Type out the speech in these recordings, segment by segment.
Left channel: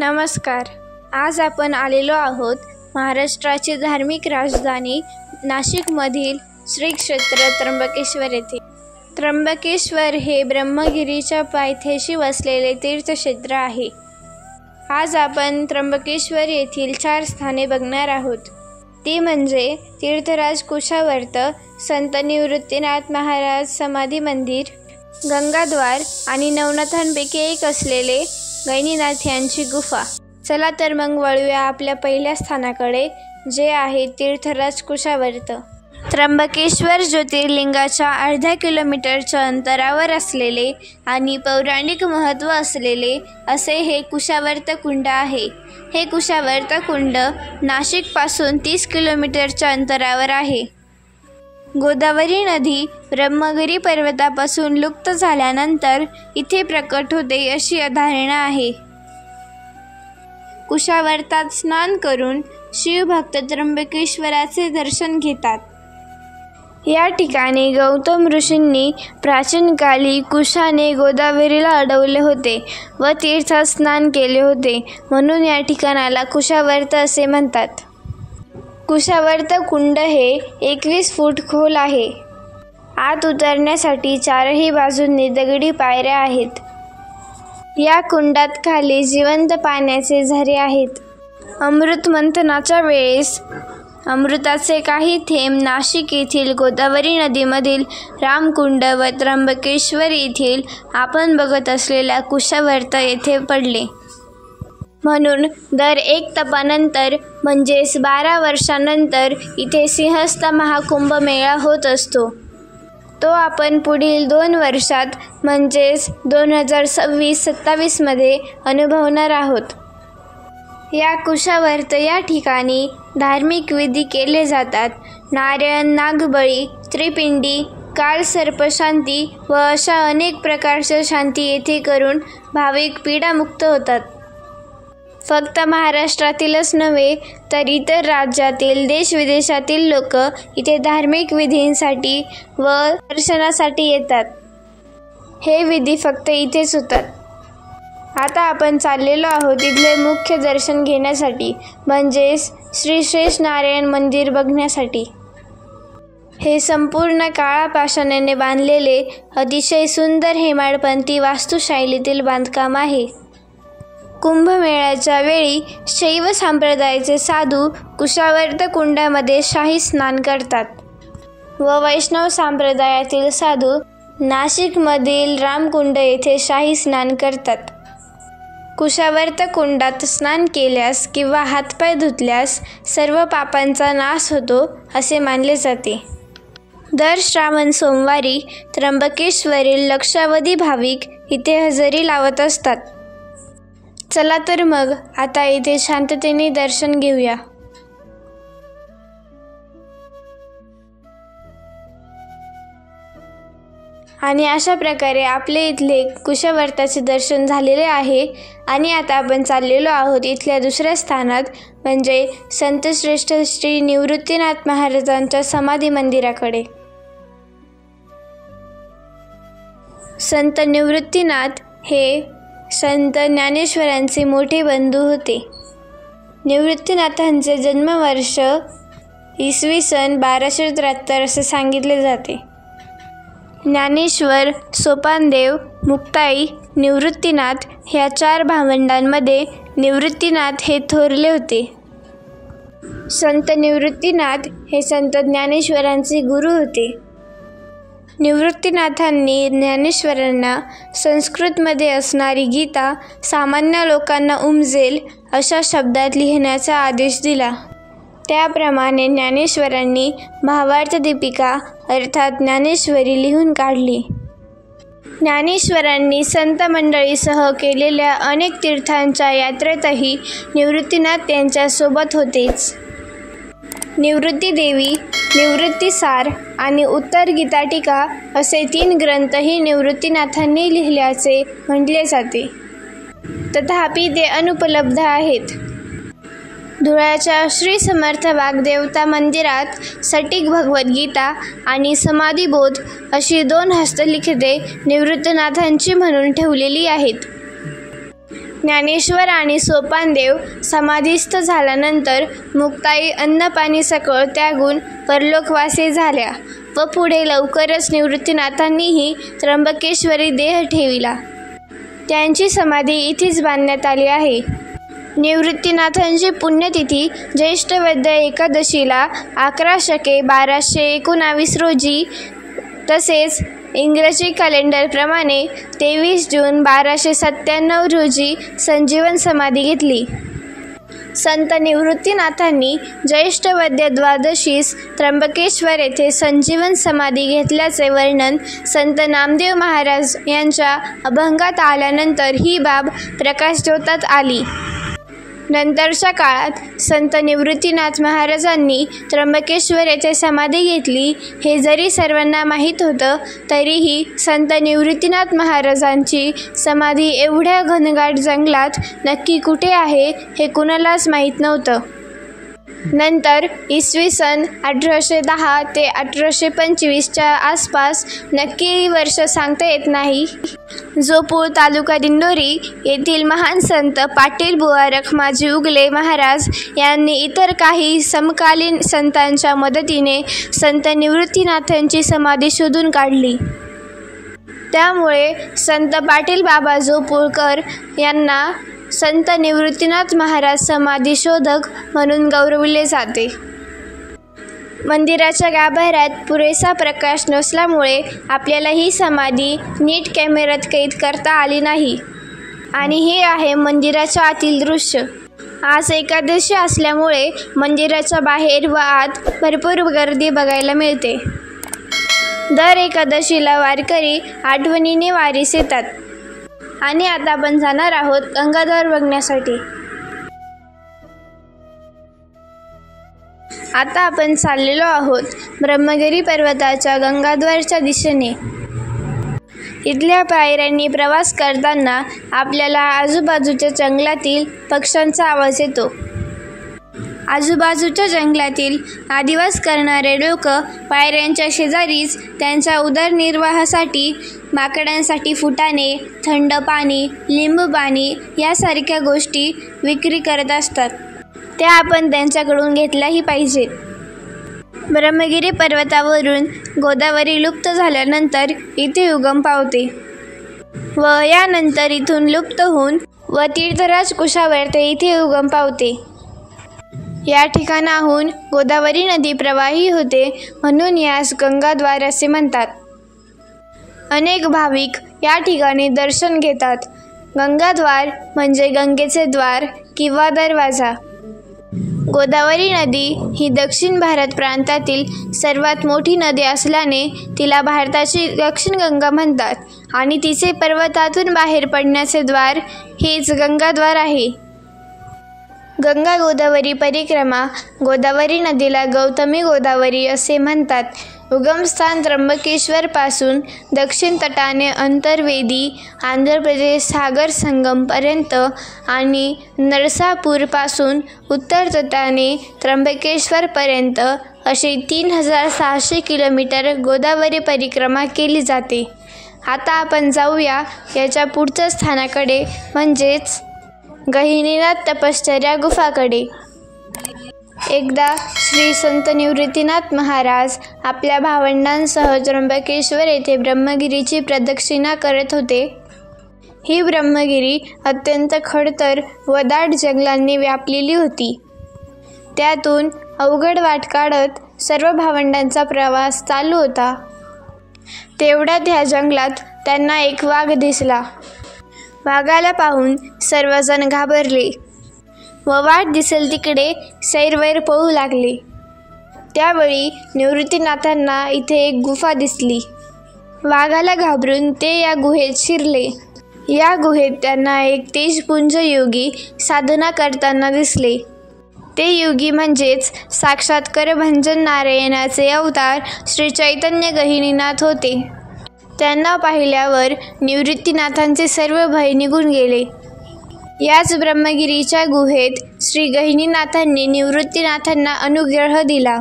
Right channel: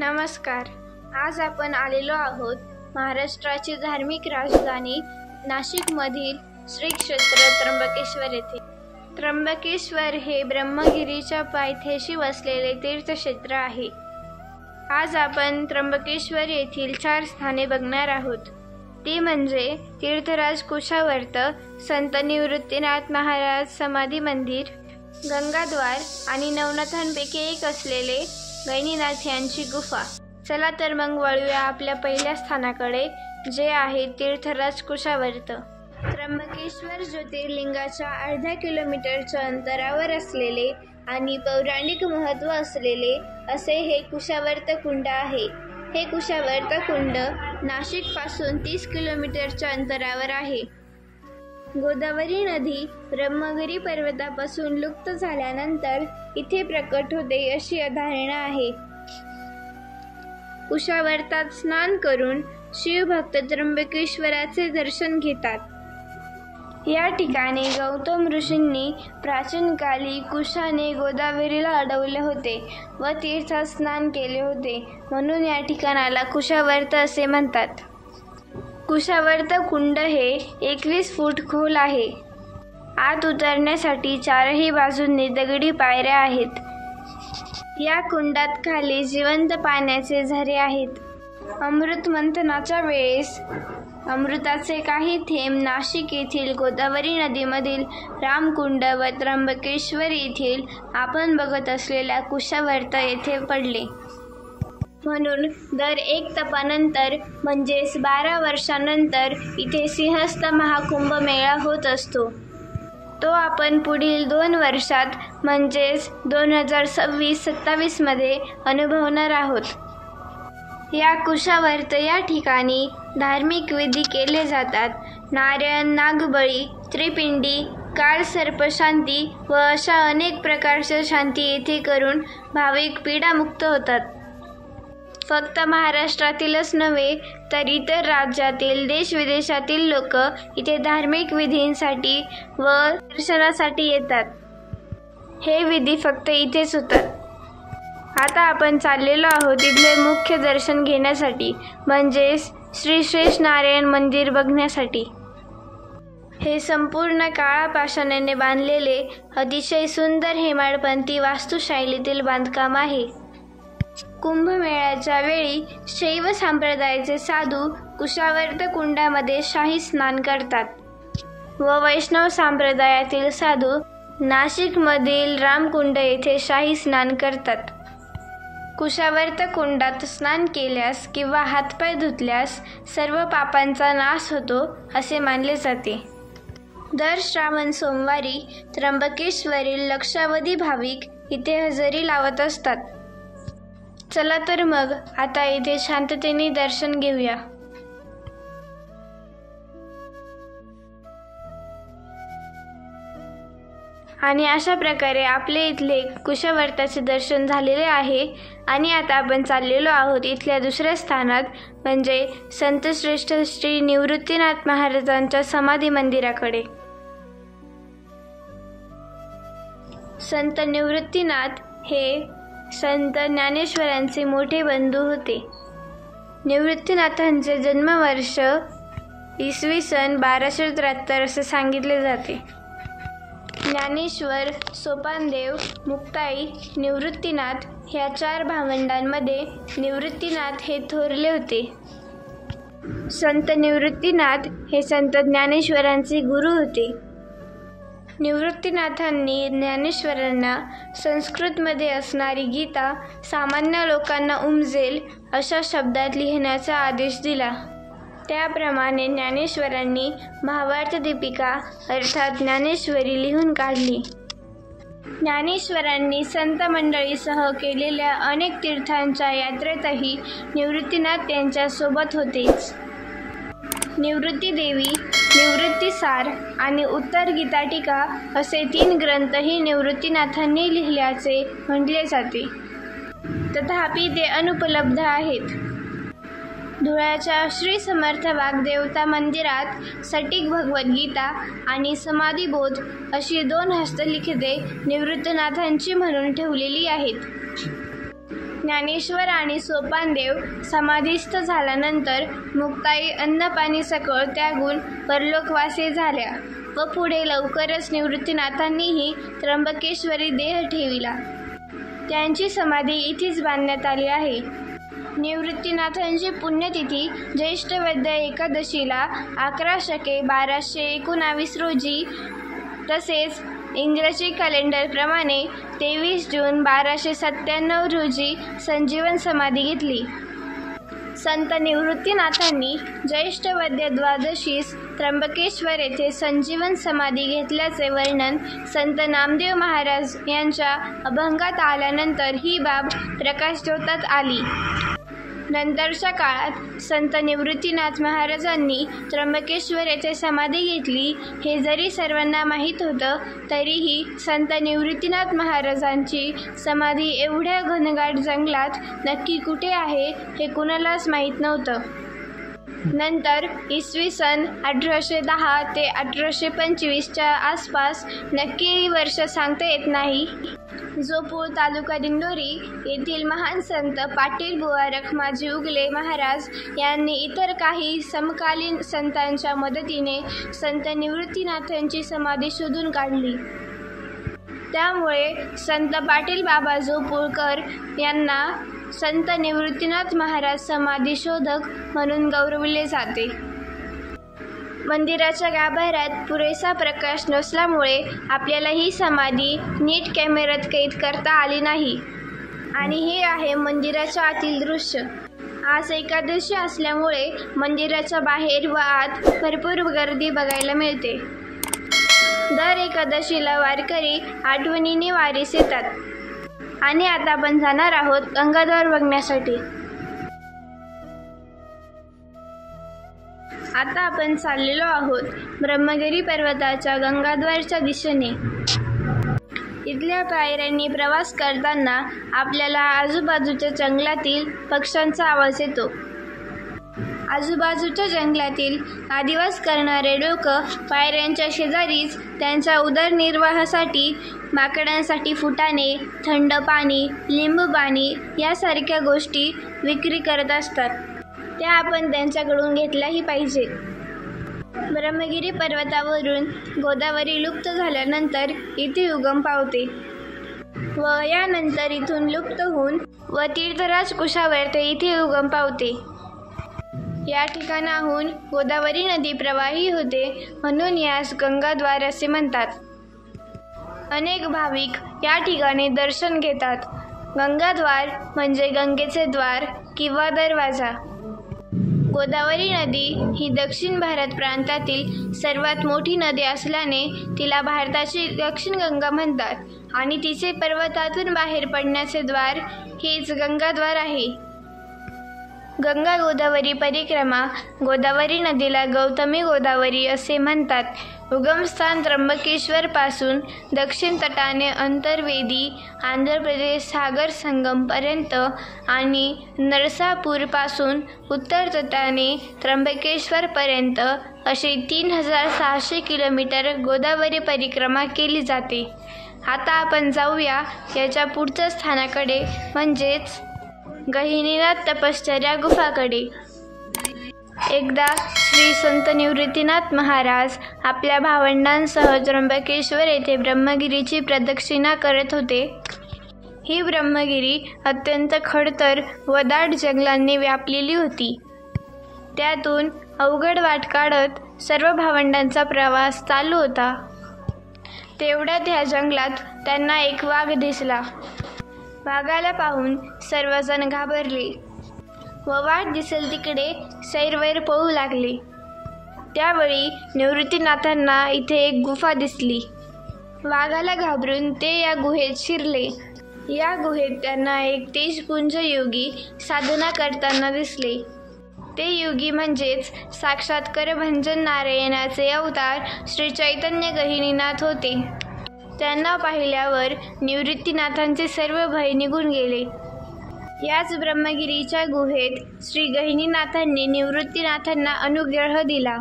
नमस्कार. आज आपण आलेलो आहोत महाराष्ट्राची धार्मिक राजधानी नाशिकमधील श्री क्षेत्र त्र्यंबकेश्वर येथे. त्र्यंबकेश्वर हे ब्रह्मगिरीच्या पायथ्याशी वसलेले तीर्थक्षेत्र आहे. आज आपण त्र्यंबकेश्वर येथील 4 स्थाने बघणार आहोत. ती म्हणजे तीर्थराज कुशावर्त, संत निवृत्तीनाथ महाराज समाधी मंदिर, गंगाद्वार आणि नवनाथांपैकी एक असलेले गहिनीनाथ यांची गुफा. चला तर मग वळूया आपल्या पहिल्या स्थानाकडे, जे आहे तीर्थराज कुशावर्त. त्र्यंबकेश्वर ज्योतिर्लिंगाच्या अर्ध्या किलोमीटरच्या अंतरावर असलेले आणि पौराणिक महत्त्व असलेले असे हे कुशावर्त कुंड आहे. हे कुशावर्त कुंड नाशिकपासून 30 किलोमीटरच्या अंतरावर आहे. गोदावरी नदी ब्रह्मगिरी पर्वतापासून लुप्त झाल्यानंतर इथे प्रकट होते अशी धारणा आहे. कुशावर्तात स्नान करून शिवभक्त त्र्यंबकेश्वराचे दर्शन घेतात. या ठिकाणी गौतम ऋषींनी प्राचीन काली कुशाने गोदावरीला अडवले होते व तीर्थात स्नान केले होते, म्हणून या ठिकाणाला कुशावर्त असे म्हणतात. कुशावर्त कुंड हे 21 फूट खोल आहे. आत उतरण्यासाठी 4ही बाजूंनी दगडी पायऱ्या आहेत. या कुंडात खाली जिवंत पाण्याचे झरे आहेत. अमृत मंथनाच्या वेळेस अमृताचे काही थेंब नाशिक येथील गोदावरी नदीमधील रामकुंड व त्र्यंबकेश्वर येथील आपण बघत असलेल्या कुशावर्त येथे पडले. म्हणून दर 1 तपानंतर म्हणजेच 12 वर्षांनंतर इथे सिंहस्थ महाकुंभ मेळा होत असतो. तो आपण पुढील 2 वर्षात म्हणजेच 2026-27 मध्ये अनुभवणार आहोत. या कुशावर्त या ठिकाणी धार्मिक विधी केले जातात. नारायण, नागबळी, त्रिपिंडी, काळ सर्पशांती व अशा अनेक प्रकारच्या शांती येथे करून भाविक पीडामुक्त होतात. फक्त महाराष्ट्रातीलच नव्हे तर इतर राज्यातील, देशविदेशातील लोक इथे धार्मिक विधींसाठी व दर्शनासाठी येतात. हे विधी फक्त इथेच होतात. आता आपण चाललेलो आहोत इथले मुख्य दर्शन घेण्यासाठी, म्हणजेच श्री शेष नारायण मंदिर बघण्यासाठी. हे संपूर्ण काळा पाषाणाने बांधलेले अतिशय सुंदर हेमाडपंथी वास्तुशैलीतील बांधकाम आहे. कुंभमेळ्याच्या वेळी शैव संप्रदायाचे साधू कुशावर्त कुंडामध्ये शाही स्नान करतात व वैष्णव संप्रदायातील साधू नाशिकमधील रामकुंड येथे शाही स्नान करतात. कुशावर्त कुंडात स्नान केल्यास किंवा हातपाय धुतल्यास सर्व पापांचा नाश होतो असे मानले जाते. दर श्रावण सोमवारी त्र्यंबकेश्वरील लक्षावधी भाविक इथे हजेरी लावत असतात. चला तर मग आता इथे शांततेने दर्शन घेऊया. आणि अशा प्रकारे आपले इथले कुशावर्ताचे दर्शन झालेले आहे. आणि आता आपण चाललेलो आहोत इथल्या दुसऱ्या स्थानात, म्हणजे संतश्रेष्ठ श्री निवृत्तीनाथ महाराजांच्या समाधी मंदिराकडे. संत निवृत्तीनाथ हे संत ज्ञानेश्वरांचे मोठे बंधू होते. निवृत्तीनाथांचे जन्मवर्ष इसवी सन 1273 असे सांगितले जाते. ज्ञानेश्वर, सोपानदेव, मुक्ताई, निवृत्तीनाथ ह्या 4 भावंडांमध्ये निवृत्तीनाथ हे थोरले होते. संत निवृत्तीनाथ हे संत ज्ञानेश्वरांचे गुरु होते. निवृत्तीनाथांनी ज्ञानेश्वरांना संस्कृतमध्ये असणारी गीता सामान्य लोकांना उमजेल अशा शब्दात लिहिण्याचा आदेश दिला. त्याप्रमाणे ज्ञानेश्वरांनी भावार्थ दीपिका अर्थात ज्ञानेश्वरी लिहून काढली. ज्ञानेश्वरांनी संत मंडळीसह केलेल्या अनेक तीर्थांच्या यात्रेतही निवृत्तीनाथ त्यांच्यासोबत होतेच. निवृत्तीदेवी, निवृत्तीसार आणि उत्तर गीताटिका असे 3 ग्रंथही निवृत्तीनाथांनी लिहिल्याचे म्हटले जाते. तथापि ते अनुपलब्ध आहेत. धुळ्याच्या श्री समर्थ वाग्देवता मंदिरात सटीक भगवद्गीता आणि समाधिबोध अशी 2 हस्तलिखिते निवृत्तीनाथांची म्हणून ठेवलेली आहेत. ज्ञानेश्वर आणि सोपानदेव समाधीस्थ झाल्यानंतर मुक्ताई अन्नपाणी सकळ त्यागून परलोकवासी झाल्या व पुढे लवकरच निवृत्तीनाथांनीही त्र्यंबकेश्वरी देह ठेविला. त्यांची समाधी इथेच बांधण्यात आली आहे. निवृत्तीनाथांची पुण्यतिथी ज्येष्ठ वद्य एकादशीला 11/12/19 रोजी तसेच इंग्रजी कॅलेंडरप्रमाणे 23 जून 1297 रोजी संजीवन समाधी घेतली. संत निवृत्तीनाथांनी ज्येष्ठ वद्य द्वादशीस त्र्यंबकेश्वर येथे संजीवन समाधी घेतल्याचे वर्णन संत नामदेव महाराज यांच्या अभंगात आल्यानंतर ही बाब प्रकाशझोतात आली. नंतरच्या काळात संत निवृत्तीनाथ महाराजांनी त्र्यंबकेश्वर येथे समाधी घेतली हे जरी सर्वांना माहीत होतं, तरीही संत निवृत्तीनाथ महाराजांची समाधी एवढ्या घनदाट जंगलात नक्की कुठे आहे हे कुणालाच माहीत नव्हतं. नंतर इसवी सन 1810 ते 1825च्या आसपास, नक्की वर्ष सांगता येत नाही, जोपूर तालुका दिंडोरी येथील महान संत पाटील बुवा रखमाजी उगले महाराज यांनी इतर काही समकालीन संतांच्या मदतीने संत निवृत्तीनाथांची समाधी शोधून काढली. त्यामुळे संत पाटील बाबा जोपूरकर यांना संत निवृत्तीनाथ महाराज समाधी शोधक म्हणून गौरविले जाते. मंदिराच्या गाभाऱ्यात पुरेसा प्रकाश नसल्यामुळे आपल्याला ही समाधी नीट कॅमेऱ्यात कैद करता आली नाही. आणि हे आहे मंदिराच्या आतील दृश्य. आज एकादशी असल्यामुळे मंदिराच्या बाहेर व आत भरपूर गर्दी बघायला मिळते. दर एकादशीला वारकरी आठवणीने वारीस येतात. आणि आता आपण जाणार आहोत गंगाद्वार बघण्यासाठी. आता आपण चाललेलो आहोत ब्रह्मगिरी पर्वताच्या गंगाद्वारच्या दिशेने. इथल्या पायऱ्यांनी प्रवास करताना आपल्याला आजूबाजूच्या जंगलातील पक्ष्यांचा आवाज येतो. आजूबाजूच्या जंगलातील आदिवास करणारे लोक पायऱ्यांच्या शेजारीच त्यांच्या उदरनिर्वाहासाठी माकडांसाठी फुटाणे, थंड पाणी, लिंबू पाणी यासारख्या गोष्टी विक्री करत असतात. त्या आपण त्यांच्याकडून घेतल्याही पाहिजेत. ब्रह्मगिरी पर्वतावरून गोदावरी लुप्त झाल्यानंतर इथे उगम पावते व यानंतर इथून लुप्त होऊन व तीर्थराज कुशावर ते इथे उगम पावते. या ठिकाणाहून गोदावरी नदी प्रवाही होते, म्हणून यास गंगाद्वार असे म्हणतात. अनेक भाविक या ठिकाणी दर्शन घेतात. गंगाद्वार म्हणजे गंगेचे द्वार किंवा दरवाजा. गोदावरी नदी ही दक्षिण भारत प्रांतातील सर्वात मोठी नदी असल्याने तिला भारताची दक्षिण गंगा म्हणतात आणि तिचे पर्वतातून बाहेर पडण्याचे द्वार हेच गंगाद्वार आहे. गंगा गोदावरी परिक्रमा. गोदावरी नदीला गौतमी गोदावरी असे म्हणतात. उगमस्थान त्र्यंबकेश्वरपासून दक्षिण तटाने अंतर्वेदी आंध्र प्रदेश सागर संगमपर्यंत आणि नरसापूरपासून उत्तर तटाने त्र्यंबकेश्वरपर्यंत अशी 3600 किलोमीटर गोदावरी परिक्रमा केली जाते. आता आपण जाऊया याच्या पुढच्या स्थानाकडे, म्हणजेच गहिनीनाथ तपश्चर्या गुफाकडे. एकदा श्री संत निवृत्तीनाथ महाराज आपल्या भावंडांसह त्र्यंबकेश्वर येथे ब्रह्मगिरीची प्रदक्षिणा करत होते. ही ब्रह्मगिरी अत्यंत खडतर व दाट जंगलांनी व्यापलेली होती. त्यातून अवघड वाट काढत सर्व भावंडांचा प्रवास चालू होता. तेवढ्यात ह्या जंगलात त्यांना एक वाघ दिसला. वाघाला पाहून सर्वजण घाबरले व वाट दिसेल तिकडे सैरवैर पळू लागले. त्यावेळी निवृत्तीनाथांना इथे एक गुफा दिसली. वाघाला घाबरून ते या गुहेत शिरले. या गुहेत त्यांना एक तेजपुंज योगी साधना करताना दिसले. ते योगी म्हणजेच साक्षात करभंजन नारायणाचे अवतार श्री चैतन्य गहिनीनाथ होते. त्यांना पाहिल्यावर निवृत्तीनाथांचे सर्व भय निघून गेले. याच ब्रह्मगिरीच्या गुहेत श्री गहिनीनाथांनी निवृत्तीनाथांना अनुग्रह दिला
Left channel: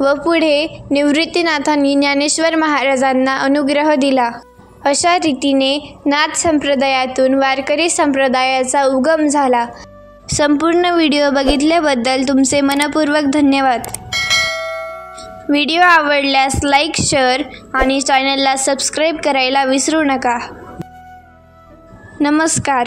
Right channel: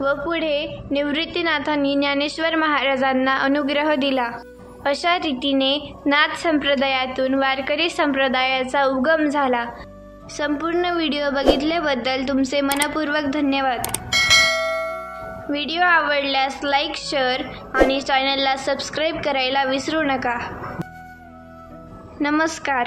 व पुढे निवृत्तीनाथांनी ज्ञानेश्वर महाराजांना अनुग्रह दिला. अशा रीतीने नाथ संप्रदायातून वारकरी संप्रदायाचा उगम झाला. संपूर्ण व्हिडिओ बघितल्याबद्दल तुमचे मनपूर्वक धन्यवाद. व्हिडिओ आवडल्यास लाईक, शेअर आणि चॅनलला सबस्क्राईब करायला विसरू नका. नमस्कार.